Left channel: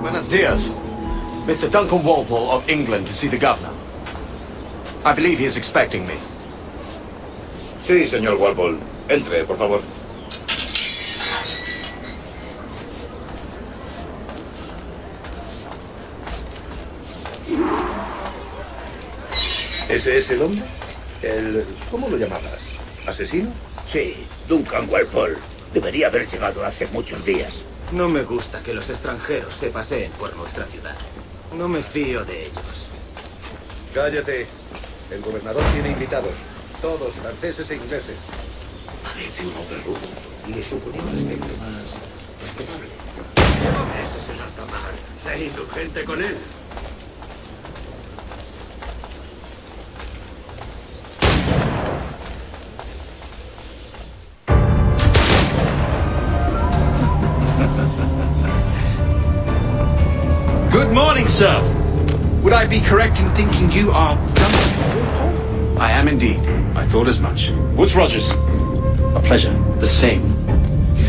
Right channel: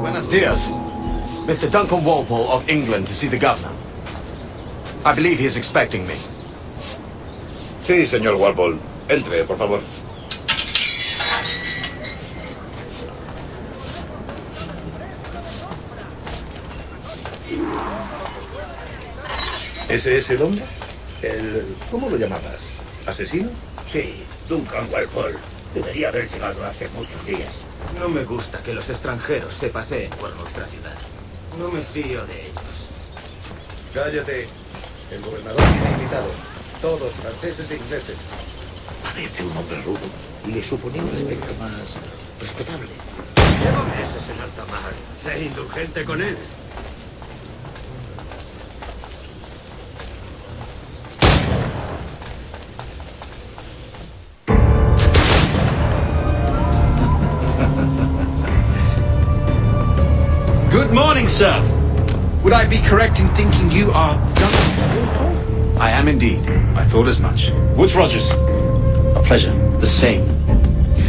Buenos dias. Mr. Duncan Walpole of England to see the governor. I believe he is expecting me. Sí, señor Walpole. Entre, por favor. ¿Ese es el hombre? ¿Cómo lo llamabas? ¿Asesino? Sí, Duncan Walpole. Debería haber llegado hace muchos días. No me gusta que los extranjeros se paseen por nuestra ciudad. No me fío de ellos. Cállate. El gobernador tiene invitados. Todos franceses e ingleses. Parece un hombre rudo. Le suponía un aspecto más respetable. Ese es el alta mar. Sé indulgente con él. Good morning, sir. Would I be correct in thinking you are Duncan? I am indeed. I thought as much. Woods Rogers. A pleasure. The same.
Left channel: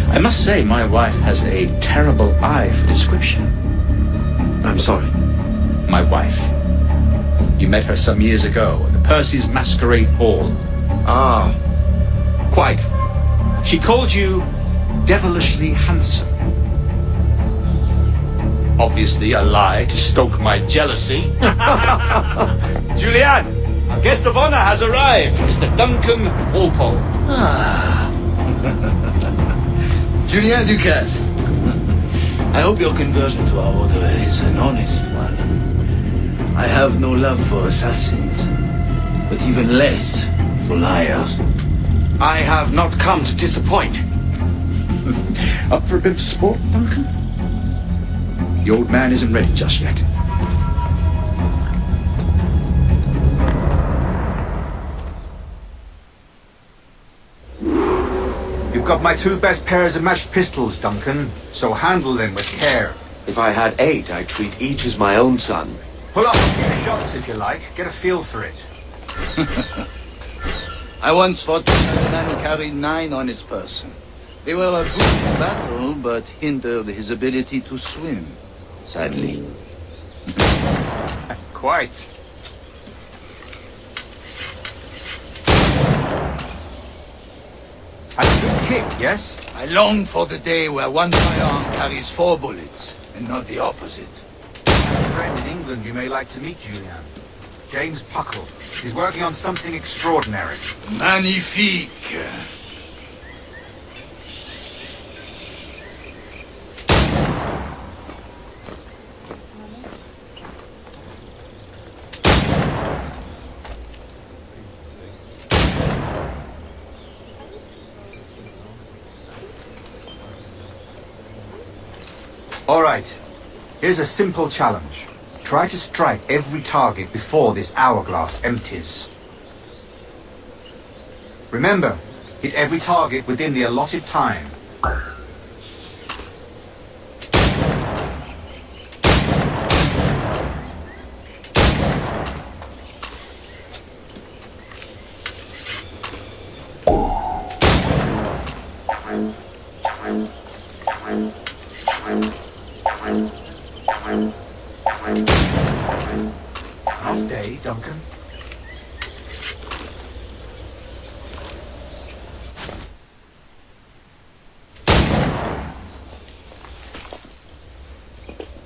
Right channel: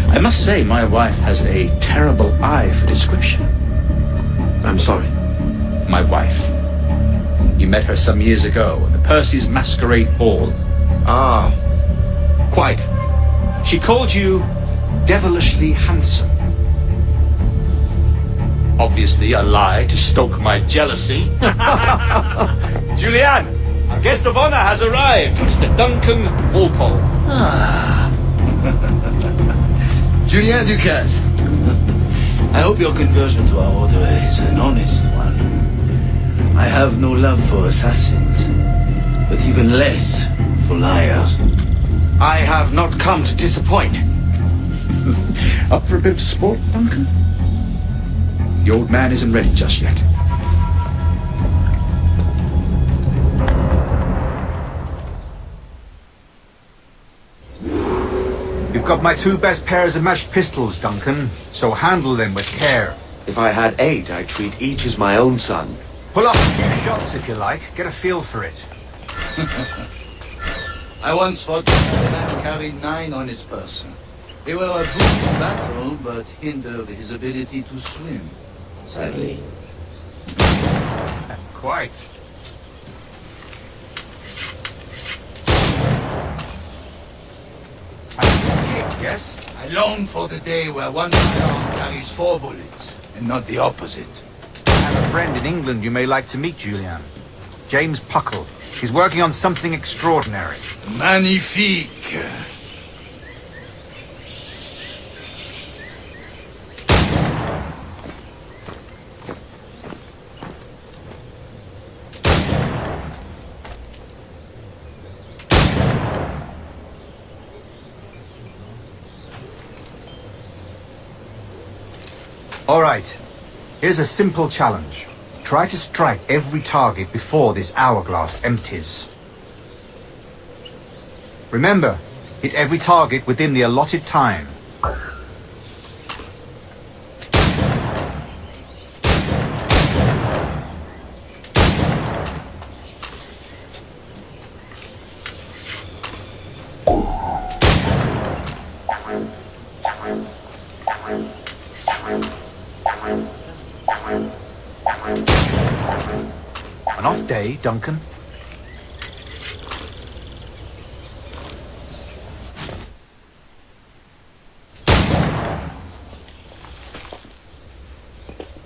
I must say my wife has a terrible eye for description. I'm sorry. My wife. You met her some years ago at the Percy's Masquerade Ball. Ah, quite. She called you devilishly handsome. Obviously a lie to stoke my jealousy. Julianne, our guest of honor has arrived, Mr. Duncan Walpole. Julien Ducasse. I hope your conversion to our order is an honest one. I have no love for assassins, but even less for liars. I have not come to disappoint. Up for a bit of sport, Duncan? The old man isn't ready just yet. You've got my 2 best pairs of matched pistols, Duncan, so handle them with care. If I had 8, I'd treat each as my own son. Pull off a few shots if you like, get a feel for it. I once fought a man who carried 9 on his person. They were a brutal battle, but hindered his ability to swim. Sadly. Quite. A good kick, yes? I long for the day where one firearm carries 4 bullets, and not the opposite. I have a friend in England you may like to meet, Julian. James Puckle. He's working on something extraordinary. Magnifique! All right. Here's a simple challenge. Try to strike every target before this hourglass empties. Remember, hit every target within the allotted time. An off day, Duncan?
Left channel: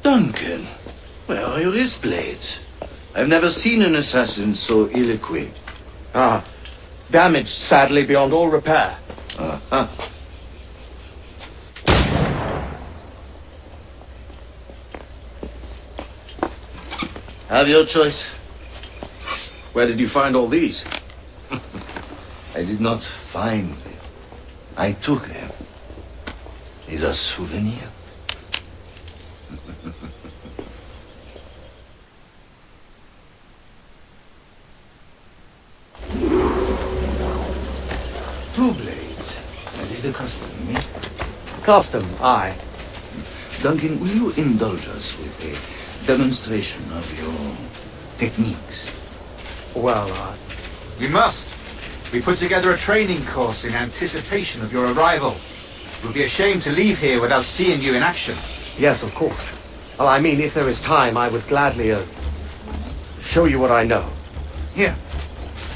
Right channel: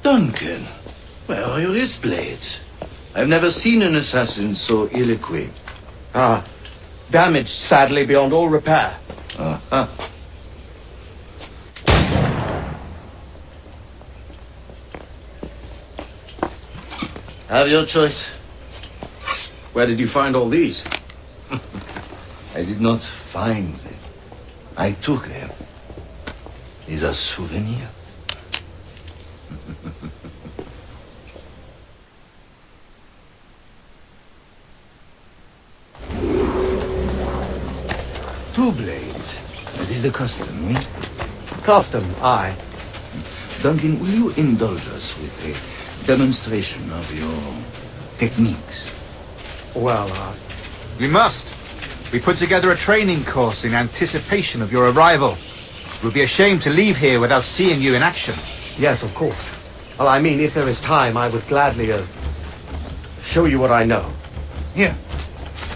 Duncan, where are your wrist blades? I've never seen an assassin so ill-equipped. Ah, damaged sadly beyond all repair. Uh-huh. Have your choice. Where did you find all these? I did not find them. I took them. Is a souvenir. Two blades, as is the custom, eh? Custom, aye. Duncan, will you indulge us with a demonstration of your techniques? Well, We must. We put together a training course in anticipation of your arrival. It would be a shame to leave here without seeing you in action. yes, of course. Well, I mean, if there is time, I would gladly, show you what I know. Here.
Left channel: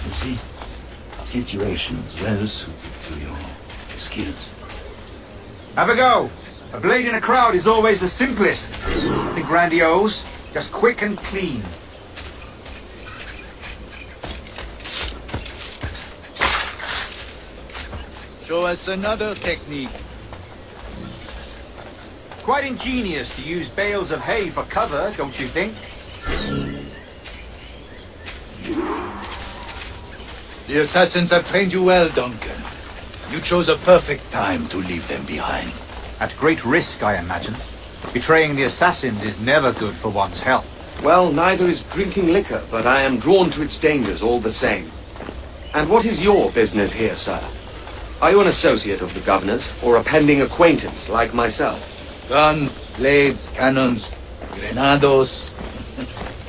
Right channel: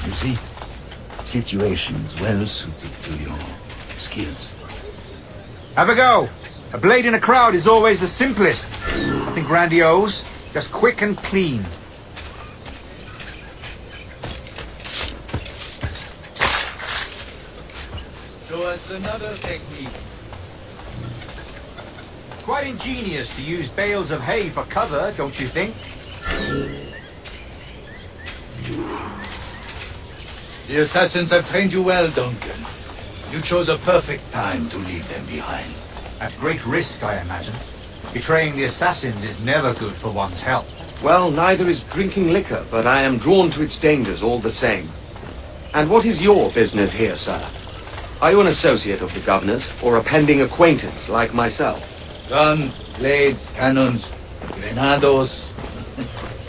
You see, situations well suited to your skills. Have a go. A blade in a crowd is always the simplest. Nothing grandiose, just quick and clean. Show us another technique. Quite ingenious to use bales of hay for cover, don't you think? The assassins have trained you well, Duncan. You chose a perfect time to leave them behind. At great risk, I imagine. Betraying the assassins is never good for one's health. Well, neither is drinking liquor, but I am drawn to its dangers all the same. And what is your business here, sir? Are you an associate of the governor's, or a pending acquaintance like myself? Guns, blades, cannons, grenados,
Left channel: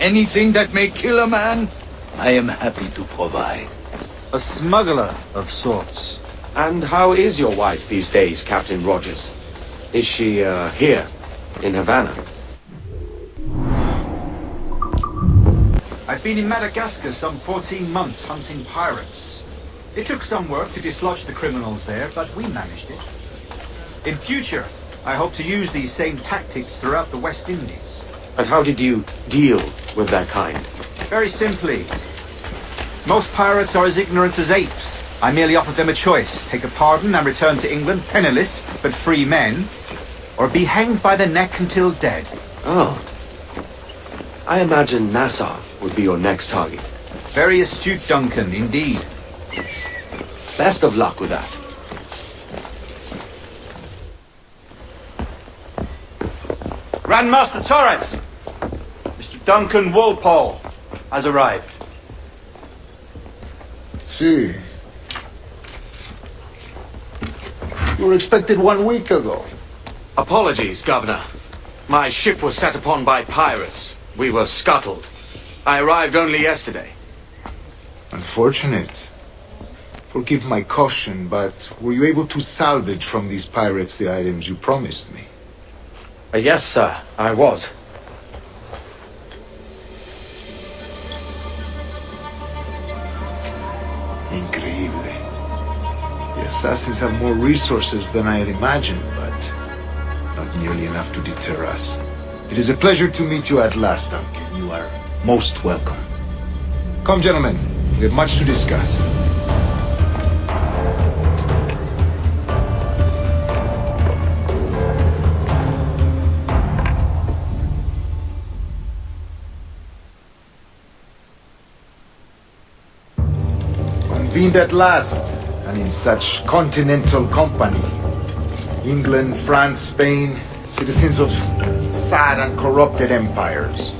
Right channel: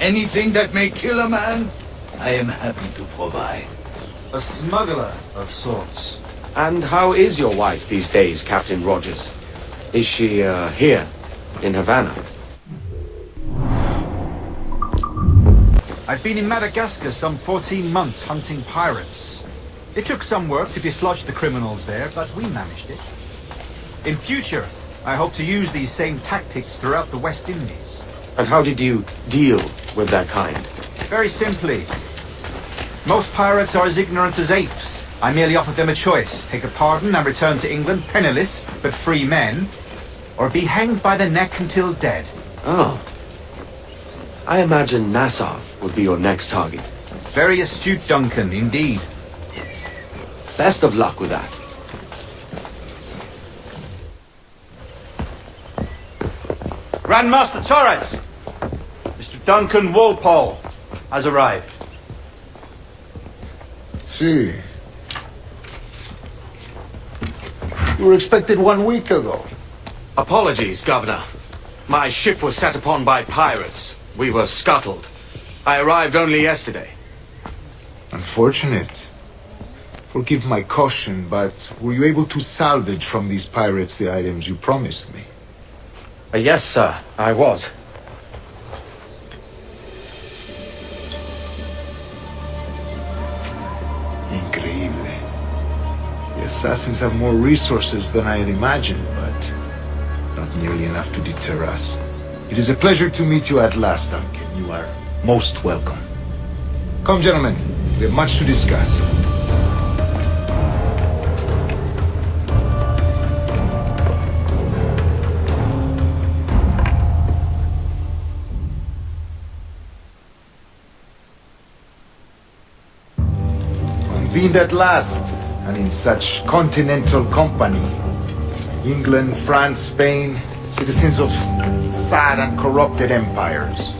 anything that may kill a man, I am happy to provide. A smuggler of sorts. And how is your wife these days, Captain Rogers? Is she, here, in Havana? I've been in Madagascar some 14 months hunting pirates. It took some work to dislodge the criminals there, but we managed it. In future, I hope to use these same tactics throughout the West Indies. And how did you deal with that kind? Very simply. Most pirates are as ignorant as apes. I merely offered them a choice. Take a pardon and return to England penniless, but free men, or be hanged by the neck until dead. Oh. I imagine Nassau would be your next target. Very astute, Duncan, indeed. Best of luck with that. Grandmaster Torres! Mr. Duncan Walpole has arrived. See. You were expected 1 week ago. Apologies, Governor. My ship was set upon by pirates. We were scuttled. I arrived only yesterday. Unfortunate. Forgive my caution, but were you able to salvage from these pirates the items you promised me? Yes, sir, I was. Increíble. The assassins have more resources than I had imagined, but not nearly enough to deter us. It is a pleasure to meet you at last, Duncan. You are most welcome. Come, gentlemen. We have much to discuss. Convened at last, and in such continental company. England, France, Spain, citizens of sad and corrupted empires.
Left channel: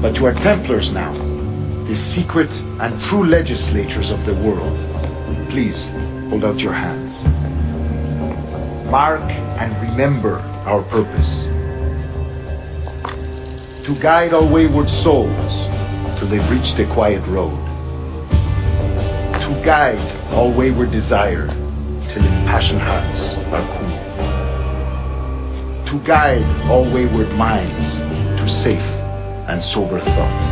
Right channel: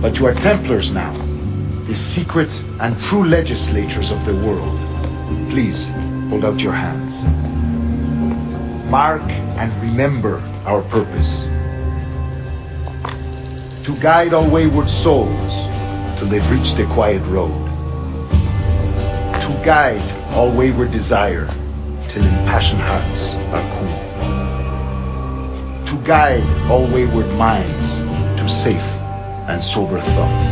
But you are Templars now, the secret and true legislatures of the world. Please, hold out your hands. Mark and remember our purpose. To guide all wayward souls till they've reached a quiet road. To guide all wayward desire till impassioned hearts are cool. To guide all wayward minds to safe and sober thought.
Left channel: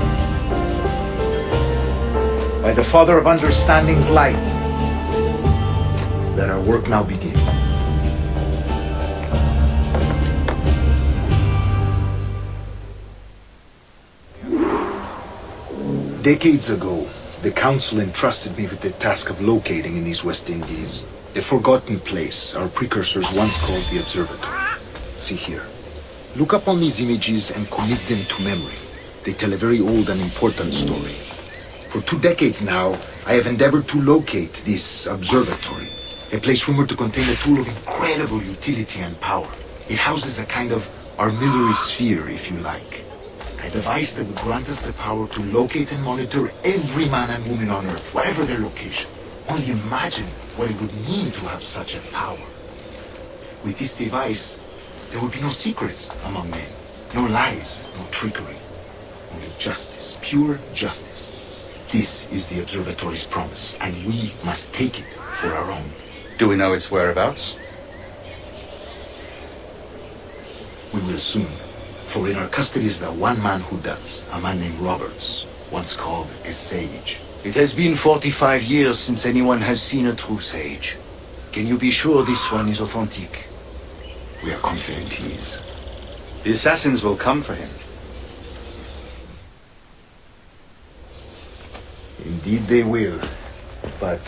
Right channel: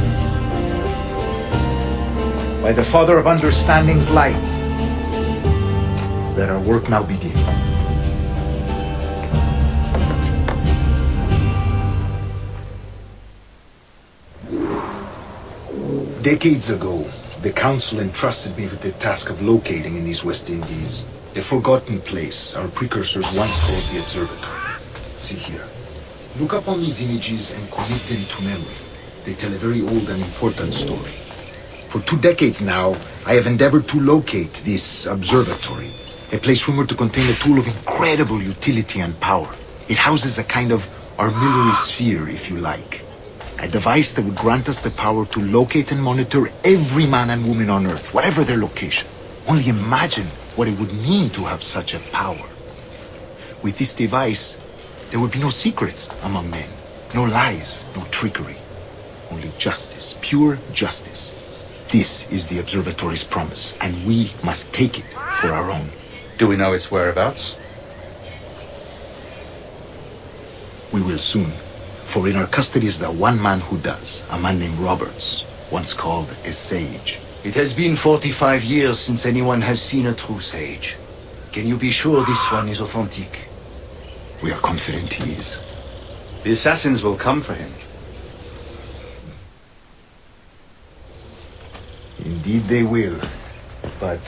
By the Father of Understanding's light, let our work now begin. Decades ago, the Council entrusted me with the task of locating in these West Indies a forgotten place our precursors once called the Observatory. See here. Look up on these images and commit them to memory. They tell a very old and important story. For 2 decades now, I have endeavored to locate this observatory, a place rumored to contain a tool of incredible utility and power. It houses a kind of armillary sphere, if you like. A device that would grant us the power to locate and monitor every man and woman on Earth, whatever their location. Only imagine what it would mean to have such a power. With this device, there would be no secrets among men, no lies, no trickery. Only justice, pure justice. This is the observatory's promise, and we must take it for our own. Do we know its whereabouts? We will soon, for in our custody is the one man who does, a man named Roberts, once called a sage. It has been 45 years since anyone has seen a true sage. Can you be sure this one is authentic? We are confident he is. The assassins will come for him. Indeed they will. But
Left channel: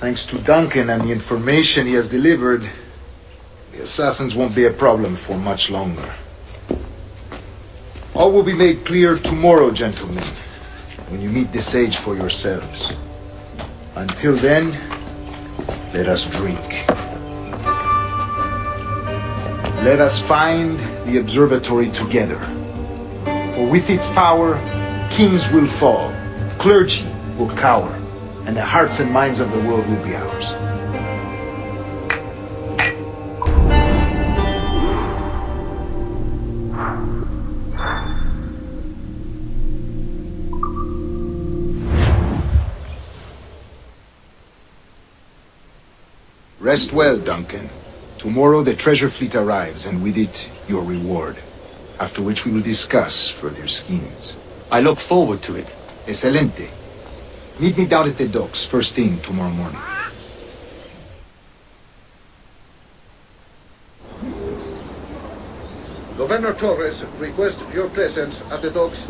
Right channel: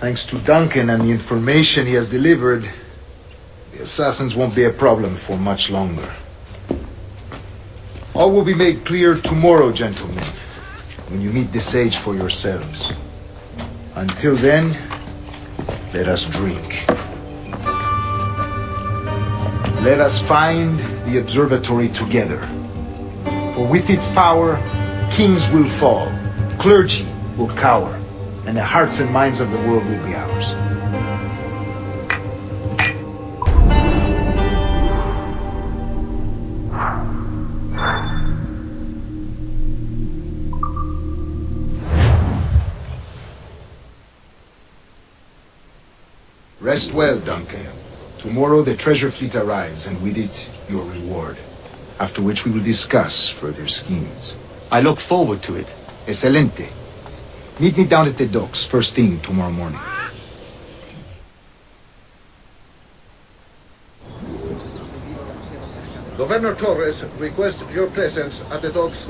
thanks to Duncan and the information he has delivered, the assassins won't be a problem for much longer. All will be made clear tomorrow, gentlemen, when you meet the sage for yourselves. Until then, let us drink. Let us find the observatory together. For with its power, kings will fall, clergy will cower, and the hearts and minds of the world will be ours. Rest well, Duncan. Tomorrow the treasure fleet arrives, and with it, your reward. After which we will discuss further schemes. I look forward to it. Excelente. Meet me down at the docks first thing tomorrow morning. Governor Torres requests your presence at the docks